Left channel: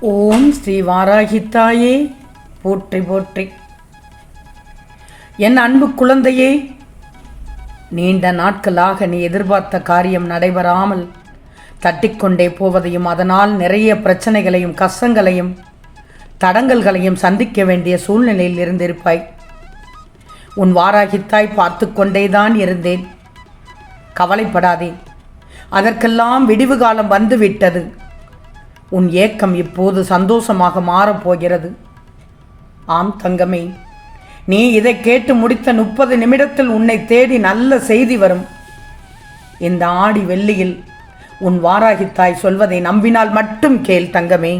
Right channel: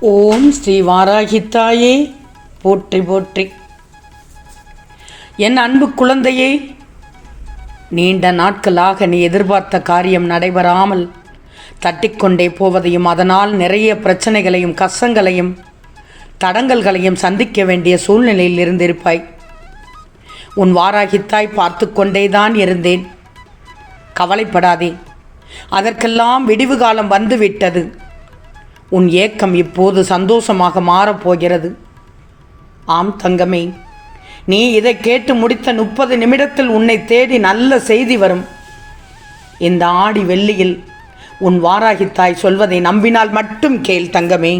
ஓம் ஸ்ரீ வாராகித்தாயே. போற்றி போற்றி. என் அன்பு குழந்தையே நீண்ட நாட்களாக நீ எதிர்பார்த்த காரியம் நடைபெறாமல் தட்டிக்கொண்டே போவதையும் அதனால் நிறைய பிரச்சனைகளையும் கஷ்டங்களையும் தடங்கல்களையும் சந்திக்க வேண்டிய சூழ்நிலையில் இருந்திருப்பாய். உன் வாராகித்தாய் பார்த்து கொண்டேதான் இருந்தேன். கவலைப்படாதே. அதற்கெல்லாம் விடிவு காலம் வந்துவிட்டது. உன் ஏக்கம் இப்போது சந்தோஷமாக மாறப்போகிறது. ஆம் தங்கமே நீ இதை கேட்டு முடித்த முப்பது நிமிடத்தில் உன்னை தேடி நல்ல செய்தி வரும். இந்த ஆடி வெள்ளியில் உன் வாராகித்தாய் சொல்வதை நம்பினால் மட்டும் கேள் தங்கமே.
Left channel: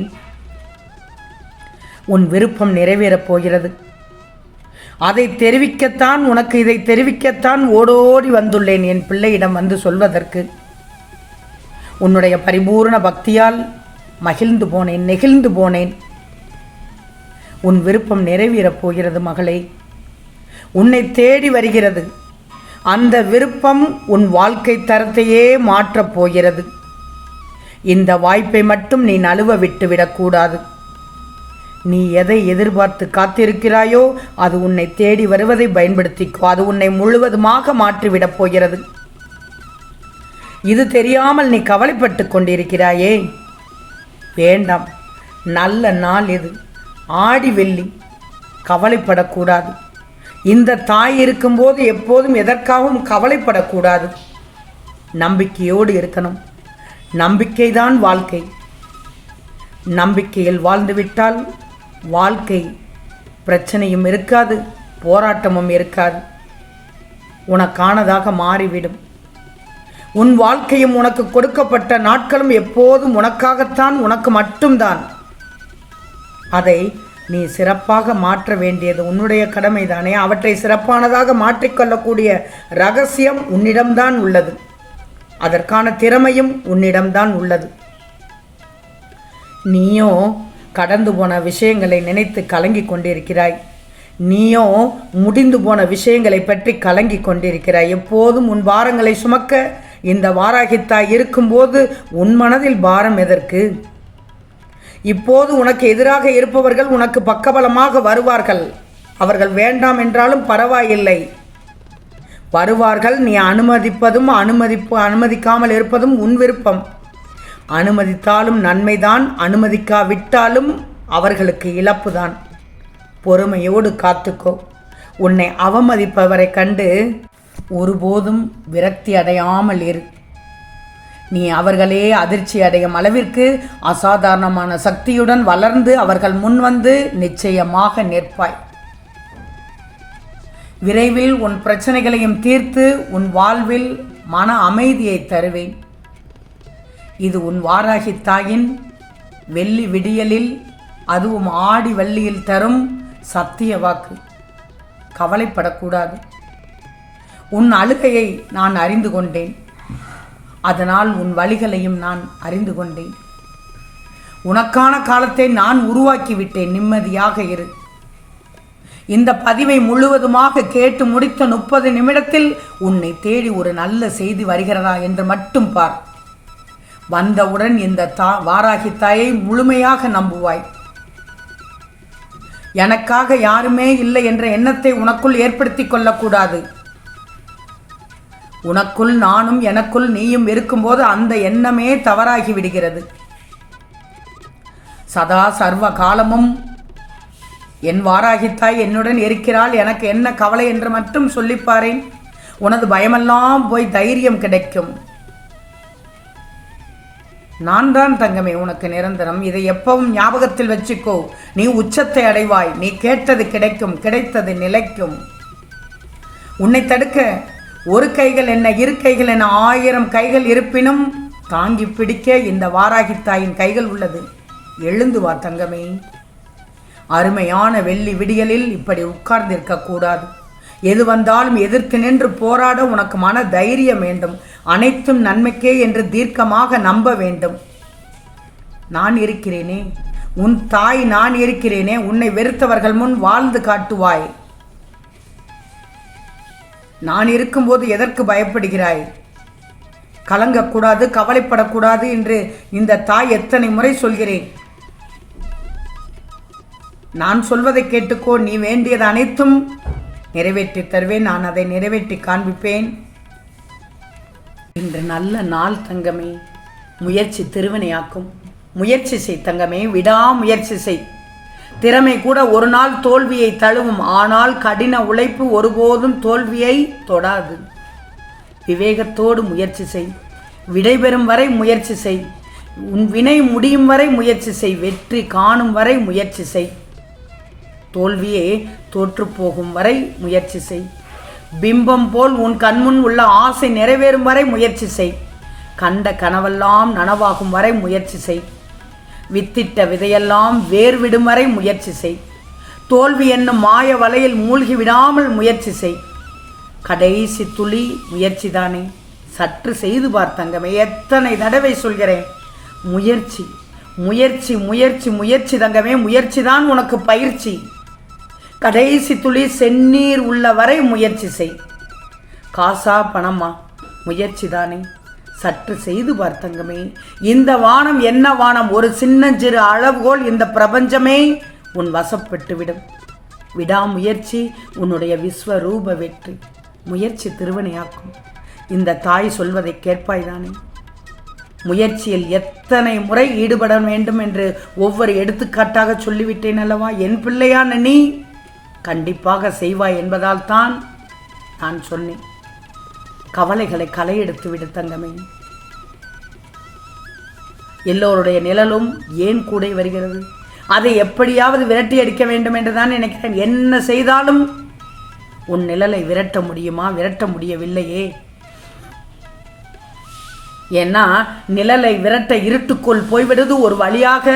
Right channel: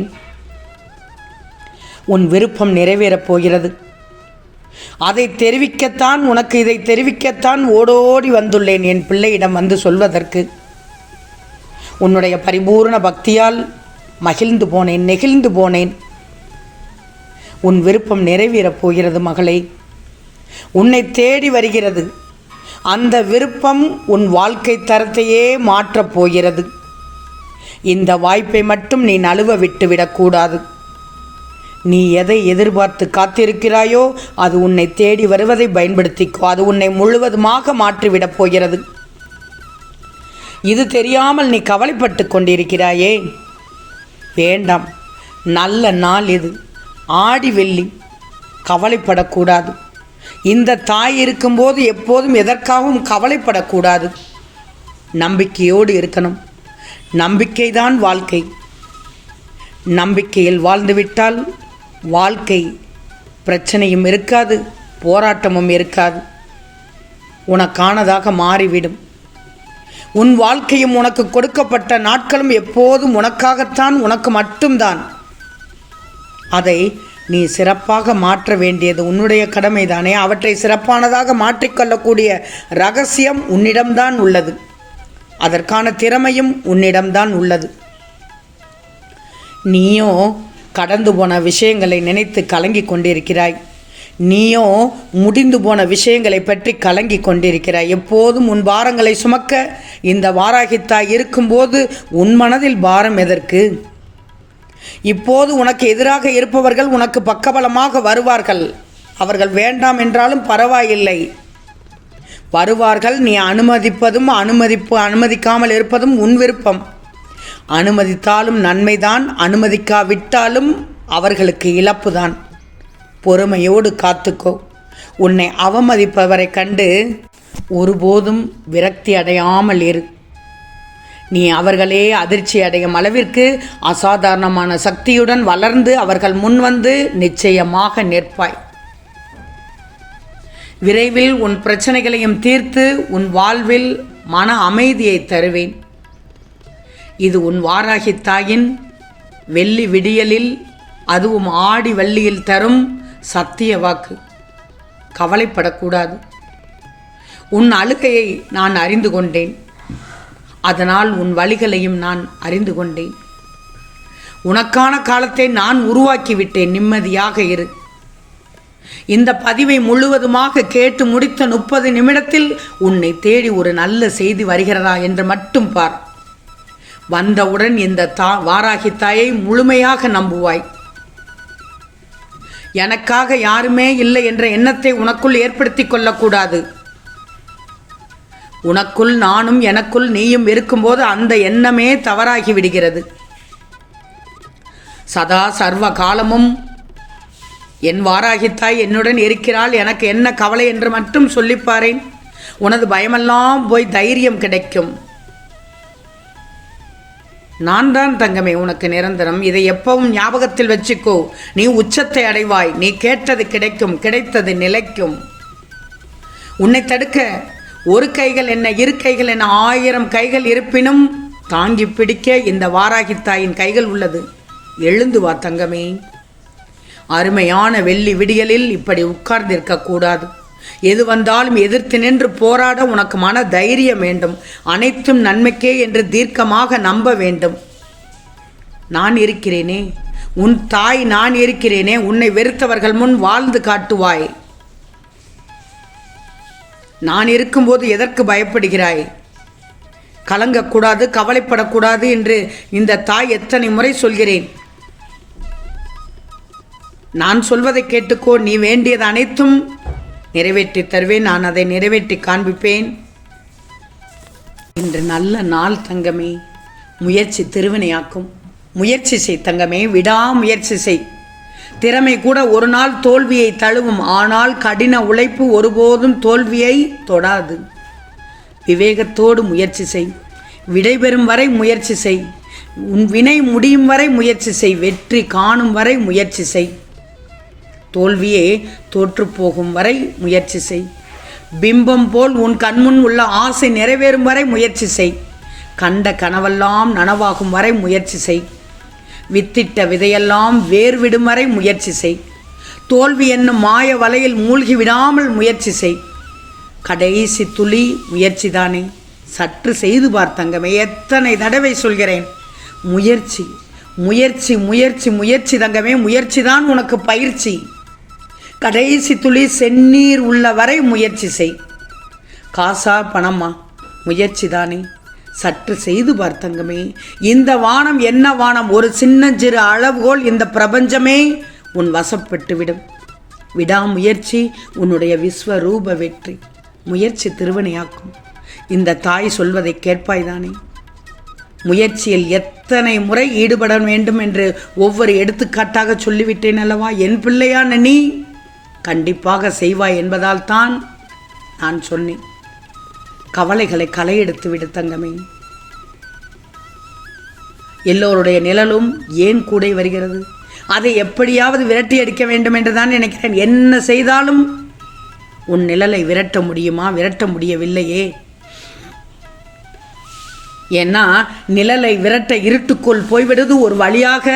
உன் விருப்பம் நிறைவேறப் போகிறது. அதை தெரிவிக்கத்தான் உனக்கு இதை தெரிவிக்கத்தான் ஓடோடி வந்துள்ளேன் என் பிள்ளையிடம் வந்து சொல்வதற்கு. உன்னுடைய பரிபூர்ண பக்தியால் மகிழ்ந்து போனேன் நெகிழ்ந்து போனேன். உன் விருப்பம் நிறைவேறப் போகிறது மகளே. உன்னை தேடி வருகிறது. அந்த விருப்பம் உன் வாழ்க்கை தரத்தையே மாற்றப் போகிறது. இந்த வாய்ப்பை மட்டும் நீ நழுவ விட்டுவிடக்கூடாது நீ எதை எதிர்பார்த்து காத்திருக்கிறாயோ அது உன்னை தேடி வருவதை பயன்படுத்திக்கோ. அது உன்னை முழுவதுமாக மாற்றிவிடப் போகிறது. இது தெரியாமல் நீ கவலைப்பட்டு கொண்டிருக்கிறாயே. வேண்டாம். நல்ல நாள் இது. ஆடி வெள்ளி. கவலைப்படக்கூடாது. இந்த தாய் இருக்கும்போது எப்போதும் எதற்காகவும் கவலைப்படக்கூடாது. நம்பிக்கையோடு இருக்கணும். நம்பிக்கைதான் வாழ்க்கை. நம்பிக்கையில் வாழ்ந்துவிட்டால் வாழ்க்கை பிரச்சனையும் இருக்காது போராட்டமும் இருக்காது. உனக்கானதாக மாறிவிடும். உன் வாழ்க்கையும் உனக்கு கொடுக்கப்பட்ட நாட்களும் எப்போதும் உனக்காகத்தான் உனக்கு மட்டும்தான். அதை நீ சிறப்பாக மாற்ற வேண்டியது உன்னுடைய கடமைதானே. அவற்றை சிறப்பானதாக மாற்றிக்கொள்ளக்கூடிய ரகசியம் உன்னிடம்தான் உள்ளது. அதற்கான திறமையும் உன்னிடம்தான் உள்ளது. நீயோ கடந்து போன விஷயங்களை நினைத்து கலங்கி கொண்டிருக்கிறாய். நீயோ முடிந்து போன விஷயங்களை பற்றி கலங்கி கொண்டிருக்கிறாய். எப்போதும் உன் பாரங்களை சுமக்க இந்த வாராகித்தாய் இருக்கும்போது உன் மனதில் பாரம் எதற்கு? இப்போது உனக்கு எதிராக இருப்பவர்கள் உனக்கு பக்கபலமாக வருவார்கள். அவர்கள் வேண்டாம் என்றாலும் பரவாயில்லை. வருவார்கள் நீ அனுமதிப்பதும் அனுமதிப்பு அனுமதிக்காமல் இருப்பதும் உன் விருப்பம். அனுமதித்தாலும் நன்மைதான் அனுமதிக்காவிட்டாலும் அவர்களுக்கு இழப்புதான். பொறுமையோடு காத்துக்கோ. உன்னை அவமதிப்பவரை கண்டு ஒருபோதும் விரக்தி அடையாமல் இரு. நீ அவர்களே அதிர்ச்சி அடையும் அளவிற்கு அசாதாரணமான சக்தியுடன் வளர்ந்து அவர்கள் முன்வந்து நிச்சயமாக நிற்பாய். விரைவில் உன் பிரச்சனைகளையும் தீர்த்து உன் வாழ்வில் மன அமைதியை தருவேன். இது உன் வாராகி தாயின் வெள்ளி விடியலில் அதுவும் ஆடி வள்ளியில் தரும் சத்திய வாக்கு. கவலைப்படக்கூடாது. உன் அழுகையை நான் அறிந்து கொண்டேன். அதனால் உன் வழிகளையும் நான் அறிந்து கொண்டேன். உனக்கான காலத்தை நான் உருவாக்கிவிட்டேன். நிம்மதியாக இரு. இந்த பதிவை முழுவதுமாக கேட்டு முடித்த முப்பது நிமிடத்தில் உன்னை தேடி ஒரு நல்ல செய்தி வருகிறதா என்று மட்டும் பார். வந்தவுடன் இந்த தா வாராகி தாயை முழுமையாக நம்புவாய். எனக்காக யாருமே இல்லை என்ற எண்ணத்தை உனக்குள் ஏற்படுத்திக் கொள்ளக்கூடாது. உனக்குள் நானும் எனக்குள் நீயும் இருக்கும்போது அந்த எண்ணமே தவறாகி விடுகிறது சதா சர்வ காலமும் என் வாராகித்தாய் என்னுடன் இருக்கிறாள். எனக்கு என்ன கவலை என்று மட்டும் சொல்லிப்பாரேன் உனது பயமெல்லாம் போய் தைரியம் கிடைக்கும். நான் தான் தங்கமே உனக்கு நிரந்தரம். இதை எப்பவும் ஞாபகத்தில் வச்சுக்கோ. நீ உச்சத்தை அடைவாய். நீ கேட்டது கிடைக்கும் கிடைத்தது நிலைக்கும். உன்னை தடுக்க ஒரு கைகள் என்ன இரு கைகள் என்ன ஆயிரம் கைகள் இருப்பினும் தாங்கி பிடிக்க இந்த வாராகி தாயின் கைகள் உள்ளது. எழுந்து வா தங்கமே. அருமையான வெள்ளி விடியலில் இப்படி உட்கார்ந்திருக்க கூடாது. எது வந்தாலும் எதிர்த்து நின்று போராட உனக்கு மன தைரியம் வேண்டும். அனைத்தும் நன்மைக்கே என்று தீர்க்கமாக நம்ப வேண்டும். நான் இருக்கிறேனே. உன் தாய் நான் இருக்கிறேனே. உன்னை வெறுத்தவர்கள் முன் வாழ்ந்து காட்டுவாய். நான் இருக்கும்போது எதற்கு பயப்படுகிறாய்? கலங்கக்கூடாது கவலைப்படக்கூடாது என்று இந்த தாய் எத்தனை முறை சொல்கிறேன். நான் சொல்வதை கேட்டுக்கோ. நீ வேண்டியது அனைத்தும் நிறைவேற்றி தருவேன். நான் அதை நிறைவேற்றி காண்பிப்பேன். இன்று நல்ல நாள் தங்கமே. முயற்சி திருவினையாக்கும். முயற்சி செய் தங்கமே. விடாமுயற்சி செய். திறமை கூட ஒரு நாள் தோல்வியை தழுவும். ஆனால் கடின உழைப்பு ஒருபோதும் தோல்வியை தொடாது. விவேகத்தோடு முயற்சி செய். விடைபெறும் வரை முயற்சி செய். உன் வினை முடியும் வரை முயற்சி செய். வெற்றி காணும் வரை முயற்சி செய். தோல்வியே தோற்றுப்போகும் வரை முயற்சி செய். பிம்பம் போல் உன் கண்முன் உள்ள ஆசை நிறைவேறும் வரை முயற்சி செய். கண்ட கனவெல்லாம் நனவாகும் வரை முயற்சி செய். வித்திட்ட விதையெல்லாம் வேர் விடும் வரை முயற்சி செய். தோல்வி என்னும் மாய வலையில் மூழ்கி விடாமல் முயற்சி செய். கடைசி துளி முயற்சிதானே சற்று செய்து பார்த்தங்கமே எத்தனை தடவை சொல்கிறேன். முயற்சி முயற்சி முயற்சி முயற்சி தங்கமே முயற்சி தான் உனக்கு பயிற்சி. கடைசி துளி செந்நீர் உள்ள வரை முயற்சி செய். காசா பணமா? முயற்சி தானே. சற்று செய்து பார்த்தங்கமே இந்த வானம் என்ன வானம்? ஒரு சின்ன சிறு அளவுகோல் இந்த பிரபஞ்சமே உன் வசப்பட்டு விடும் விடாமுயற்சி உன்னுடைய விஸ்வரூப வெற்றி. முயற்சி திருவினையாக்கும். இந்த தாய் சொல்வதை கேட்பாய்தானே முயற்சியில் எத்தனை முறை ஈடுபட வேண்டும் என்று ஒவ்வொரு எடுத்துக்காட்டாக சொல்லிவிட்டேன் அல்லவா? என் பிள்ளையான நீ. கண்டிப்பாக செய்வாய் என்பதால் தான் நான் சொன்னேன். கவலைகளை களையெடுத்து விடு தங்கமே. எல்லோருடைய நிழலும் ஏன் கூடை வருகிறது? அதை எப்படியாவது விரட்டி அடிக்க வேண்டும் என்று தான் நினைக்கிறேன். என்ன செய்தாலும் உன் நிழலை விரட்ட முடியுமா? விரட்ட முடியவில்லையே. ஏன்னா நிழலை விரட்ட இருட்டுக்குள் போய்விடுவது ஒரு வழியாக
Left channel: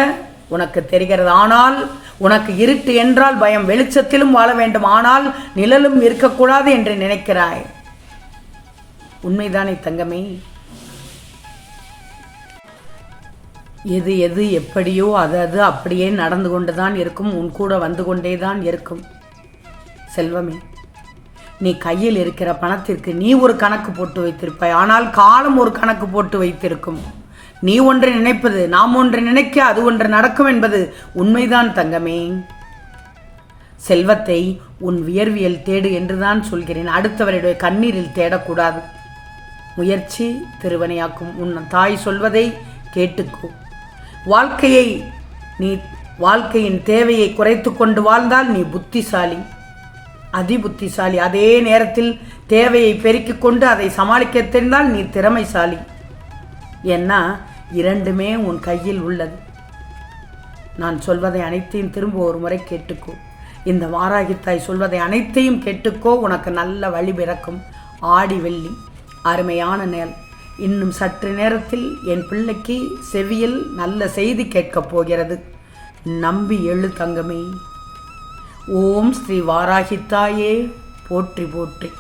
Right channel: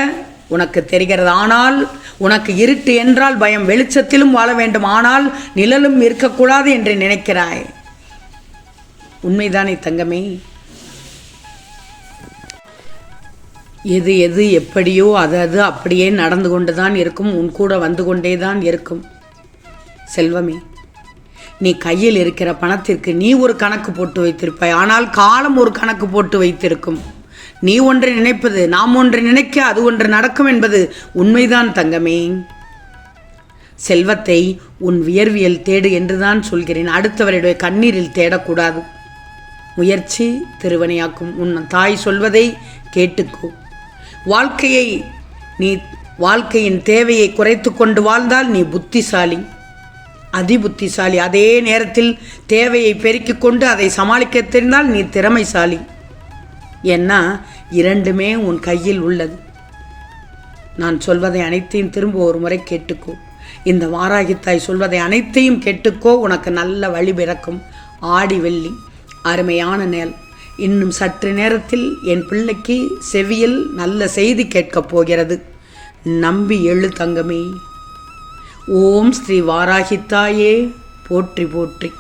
உனக்கு தெரிகிறது. ஆனால் உனக்கு இருட்டு என்றால் பயம் வெளிச்சத்திலும் வாழ வேண்டும் ஆனால் நிழலும் இருக்கக்கூடாது என்று நினைக்கிறாய். உண்மைதானே தங்கமே? எது எது எப்படியோ அது அது அப்படியே நடந்து கொண்டு தான் இருக்கும் உன் கூட வந்து கொண்டே தான் இருக்கும். செல்வமே நீ கையில் இருக்கிற பணத்திற்கு நீ ஒரு கணக்கு போட்டு வைத்திருப்பாய் ஆனால் காலம் ஒரு கணக்கு போட்டு வைத்திருக்கும். நீ ஒன்றை நினைப்பது நாம் ஒன்றை நினைக்க அது ஒன்று நடக்கும் என்பது உண்மைதான் தங்கமே. செல்வத்தை உன் வியர்வியல் தேடு என்றுதான் சொல்கிறேன். அடுத்தவருடைய கண்ணீரில் தேடக்கூடாது. முயற்சி திருவனையாக்கும் உன் தாய் சொல்வதை கேட்டுக்கோ. வாழ்க்கையை நீ வாழ்க்கையின் தேவையை குறைத்து கொண்டு வாழ்ந்தால் நீ புத்திசாலி. அதி புத்திசாலி அதே நேரத்தில் தேவையை பெருக்கிக் கொண்டு அதை சமாளிக்க தெரிந்தால் நீ திறமைசாலி. ஏன்னா இரண்டுமே உன் கையில் உள்ளது. நான் சொல்வதை அனைத்தையும் திரும்ப ஒரு முறை கேட்டுக்கோ. இந்த வாராகித்தாய் சொல்வதை அனைத்தையும் கேட்டுக்கோ. உனக்கு நல்ல வழி பிறக்கும். ஆடி வெள்ளி அருமையான நேல். இன்னும் சற்று நேரத்தில் என் பிள்ளைக்கு செவியில் நல்ல செய்தி கேட்கப் போகிறது. நம்பி எழு தங்கமே. ஓம் ஸ்ரீ வாராகித்தாயே. போற்றி போற்றி.